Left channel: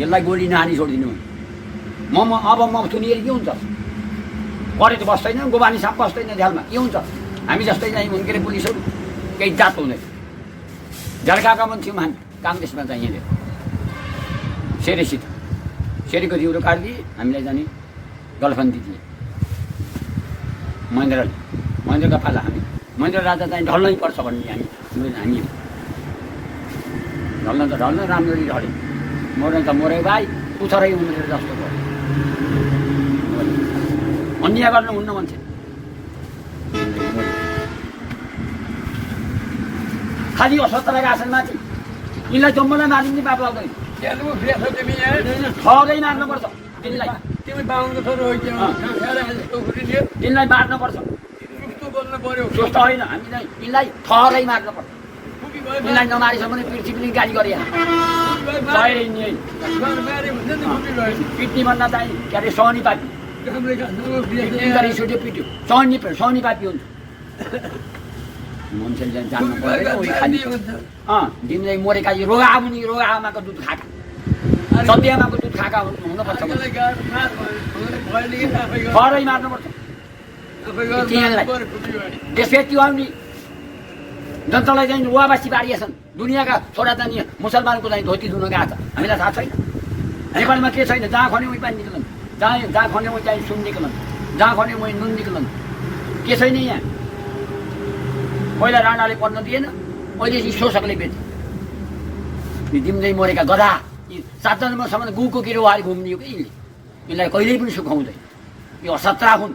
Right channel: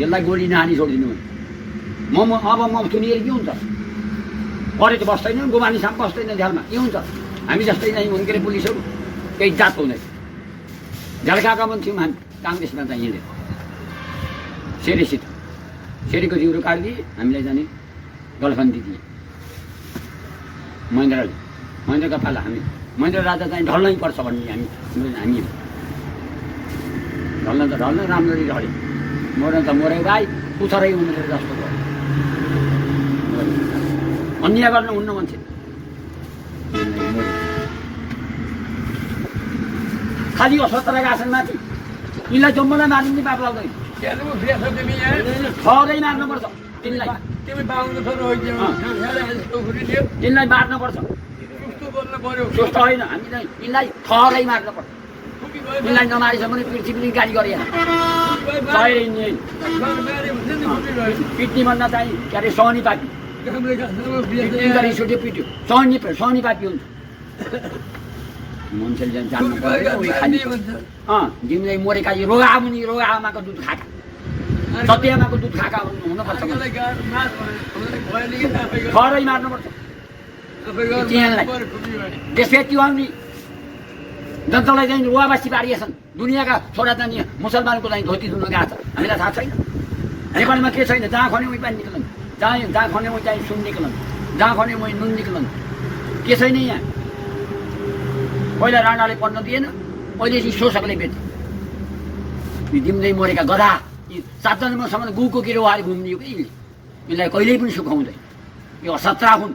यसलाई गोली नहानी छोडिदिनु अब म सुनिएर के हुन्छ गरेर बस्दैन गोबानी साप बस्दैन झ्यालमा के हुन्छ हामी जस्तै नै के अरे पुलिसहरू केही जात हुँदैन झल्काएका पनि थियौँ हामी काङ्ग्रेसमा चाहिँ हिँडेर सेरीसित सेरीको जिउरो काटिदिए हामीलाई जाने गलफन्दी दिए महेन्द्रका पाला हामी महेन्द्र राजा चाहिँ ढल्नै पर्छ भन्ने हामी ढल्न त ढल्न राम्ररी ढल्यो मर्न त मरे भाइ पुछरै उम्रेर जस्तो भयो अन्याय गर्नु हुन्न मान्छे खालि असतराका आसन माथि यिनलाई जम्मूलाई मारिने बाप लाग्दैन ठगै मार्नुपर्छ तिमीलाई तिमीलाई मार्नुपर्छ त्यस्तो होइन हामीलाई तिमीलाई ठगै मार्नुपर्छ तिमीलाई नमारिसम्म पनि पृथ्वीले गाली गरे पिट्ने भन्न चाहिने के अरे सहनी पार्टी पिट्यो सहनी पार्टी हुन्छ मान्छेले जान्नु पर्यो तिमीलाई मरेका रोगा मुनि रोगा आमाको दुध खाएका सत्य आमाको दुध खाएका हुनुपर्छ खरै मार्नुपर्छ त्यसपछि आउने जनतालाई चाहिँ रुवाबासी पारिएछन् दुनियाँका छोरा जाने मुसलमानको चाहिँ धोती धुन गएको छ हामीलाई थाहा छैन नेपालमा के छैन जहाँ खने उही पानी निक्लन जहाँ खने उही चाहिँ सुन निक्लन जहाँ खने उही नुन निक्लन के छैन यहाँ पहिला राणाले पढ्न दिएन अहिले चाहिँ शोषकले बेच्यो दिउँदै मरेका गधा यी 7 जन्मसम्म गुको किरो हारी घुम्ने हो कि यसलाई कहिल्यै पनि सुखाउँदैन यो असत्रा हुन्